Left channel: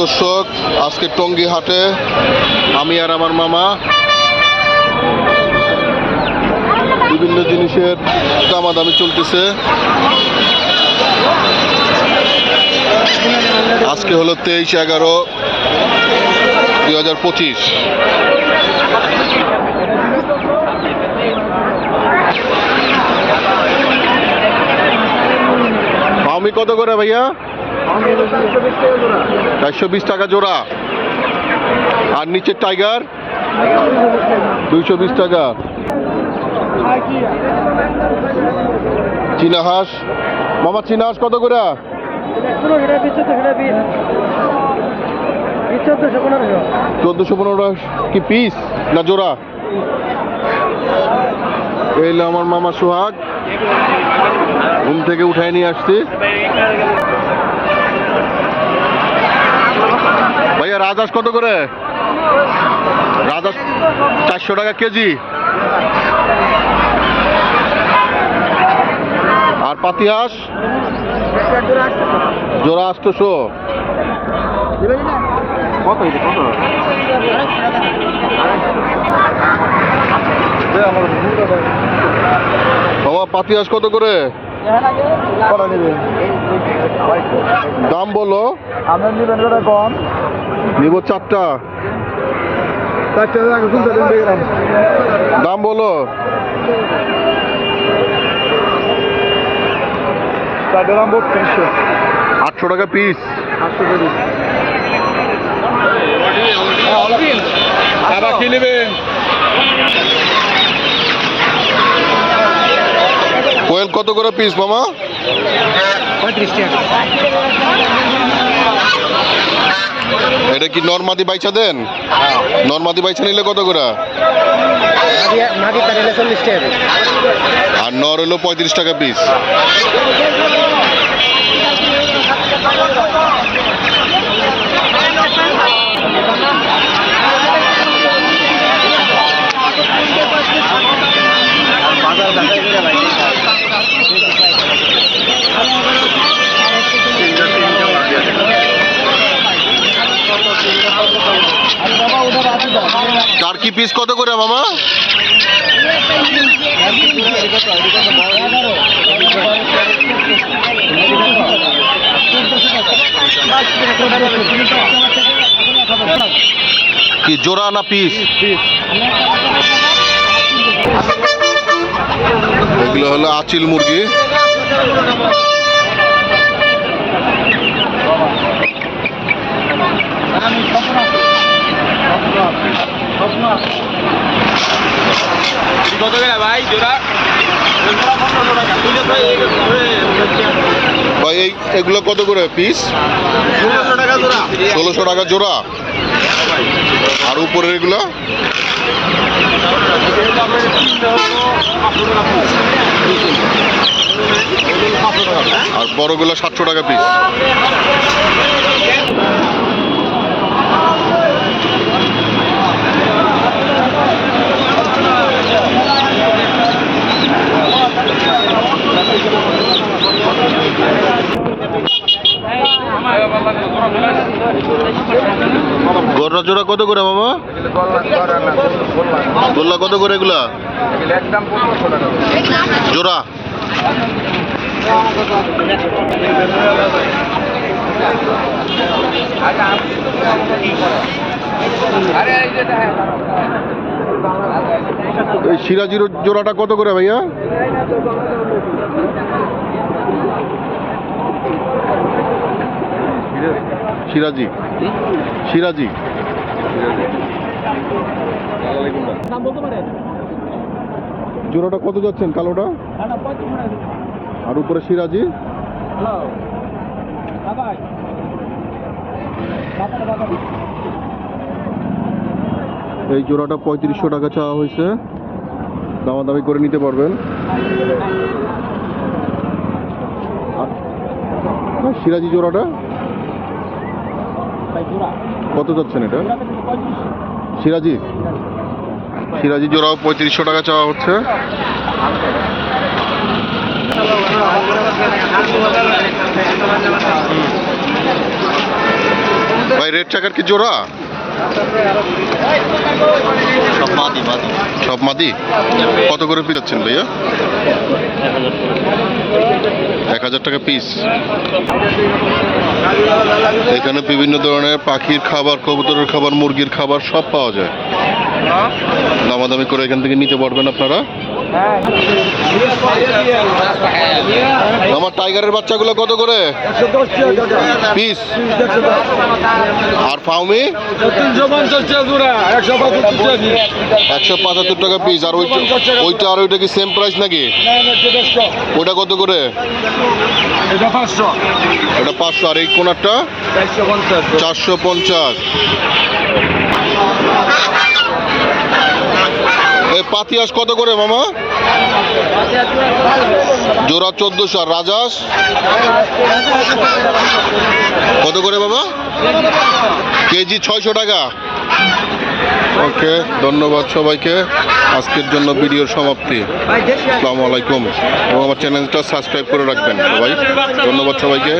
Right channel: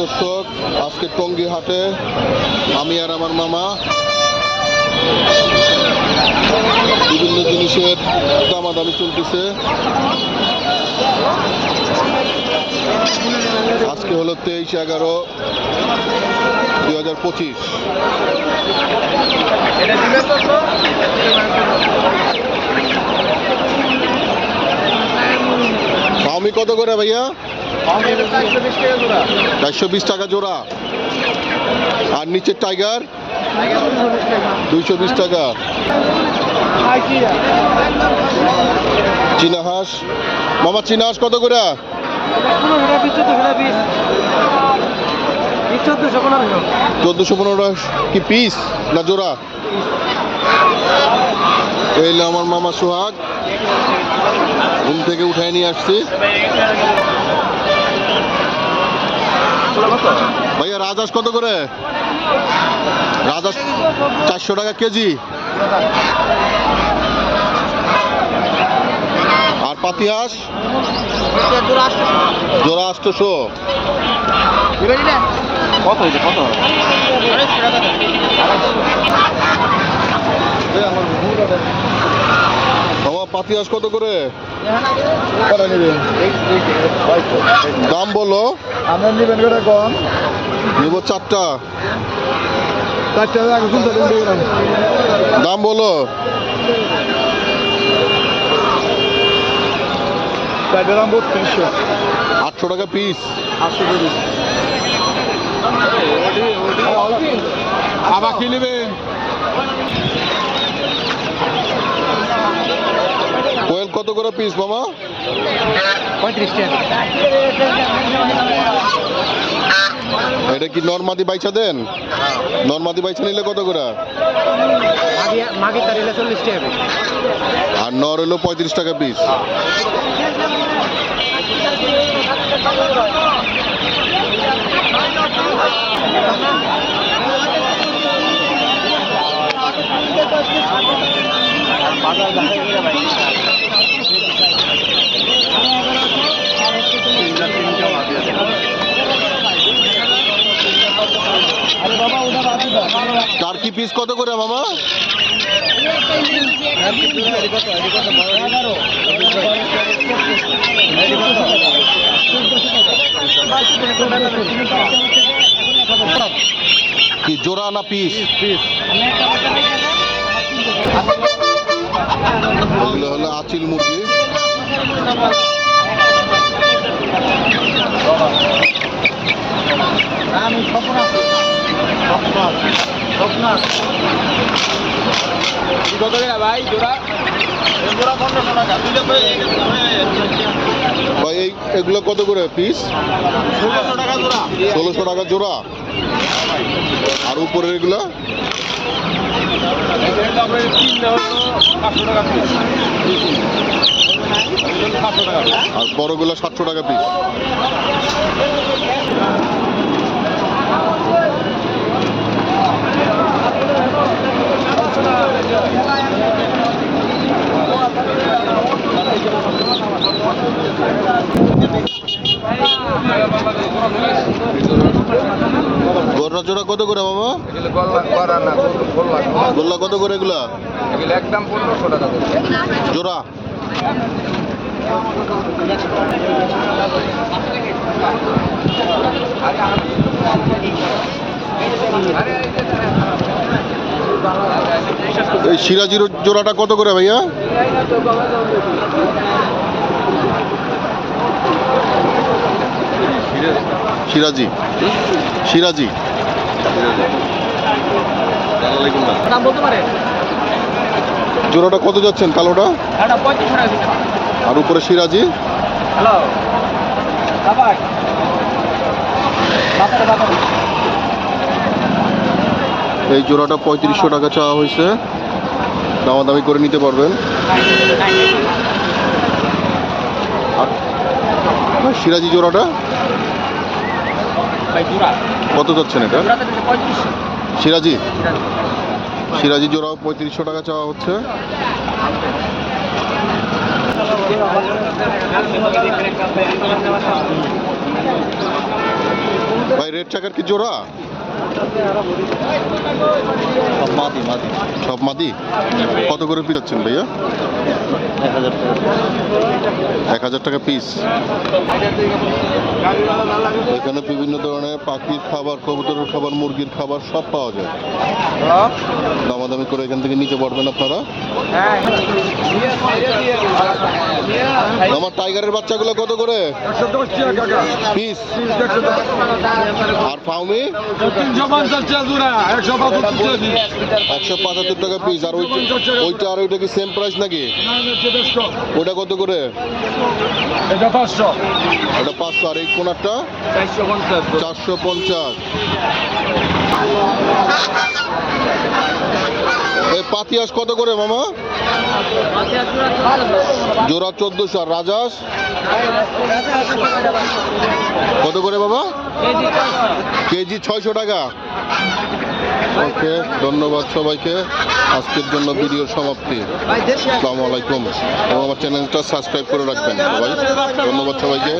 দর্শক, আজকে টঙ্গী হাটে আমি আর আমার মামা বিভিন্ন জিনিসের দামাদামি চলতেছে। আজকে হলো 23/11/2025। আমি কত করে ভাইয়া? 420 টাকা জোড়া। আর নিচের টাইগার 220 টাকা। চীনা হাঁস মামা, চীনা হাঁস কত করে? 1415 কি পিস না জোড়া? এই আমার মামা সোহাগ ঘুম থেকে উঠায় নিয়ে আসছি। ভাইয়া রাজহাঁস কত করে? রাজহাঁস 400 টাকা কেজি। আর পাতি হাঁস জোড়া 800। বাবা পাতি হাঁস কত করে? দাম বলো। নিব 4টা। দাম বলো। 800 টাকা পিস। কোয়েল কত করে পিস মামা? 35 টাকা। এটা কি নরমাদি বাইচা দেন? নরমাদি বাইচা নিলে কত করে? আর নর হলো 35 টাকা পিস। টার্কি পিস কত করে মামা? কি জোড়া না পিস? এগুলো হলো আচিল মুরগি। ভাই এগুলো কত করে পিস? 1600 টাকা জোড়া। আর উপরের এগুলো? আর বড়গুলো 700 টাকা পিস। গররা জোড়া কত করে মামা? গোল্লা কত করে এগুলা? একদম 1500 টাকা জোড়া। এই সিরাজির জোড়াটা কত করে ভাইয়া? সিরাজি সিরাজি জোড়াটা কত যাচ্ছেন কালোটা? আর উপরে সিরাজি? এই জোড়াটা 3500 টাকা চাওয়া হয়েছে। দামাদামি করে নিতে পারবেন। আর সিরাজি জোড়াটা কত যাচ্ছেন এটা? সিরাজি সিরাজি জোড়াও 3500 টাকা চাওয়া হচ্ছে। ভাই রেড চাকার কি জোড়া? সব মাদি। কত করে পিস যাচ্ছেন ভাইয়া? 1000 টাকা পিস। এখানে বিভিন্ন ধরনের পাখির খাবার, কবুতরের খাবার, মুরগির খাবার সব পাওয়া যায়। দামাদামি করে এখান থেকে নিতে পারবেন আপনারা। আমার টাইগারের বাচ্চাগুলো কত করে পিস? আর ফাউমি 175 টাকা পিস। আর ওইটা আর ওইটা কি সেম প্রাইস নাকি? ওটা কত করে? ওটা 500। আর এই কোনারটা 450। এই পাতিয়াস কত করে মামা? জোড়া 1400। আর রাজাস কত করে বাবা? কেজি 600 টাকা। ওকে, ধন্যবাদ সবাইকে। আজকের জন্য ভিডিওর সমাপ্তি। আসসালামু আলাইকুম। এবং আমার চ্যানেলটা সাবস্ক্রাইব করে রাখবেন সবাই। ধন্যবাদ সবাইকে।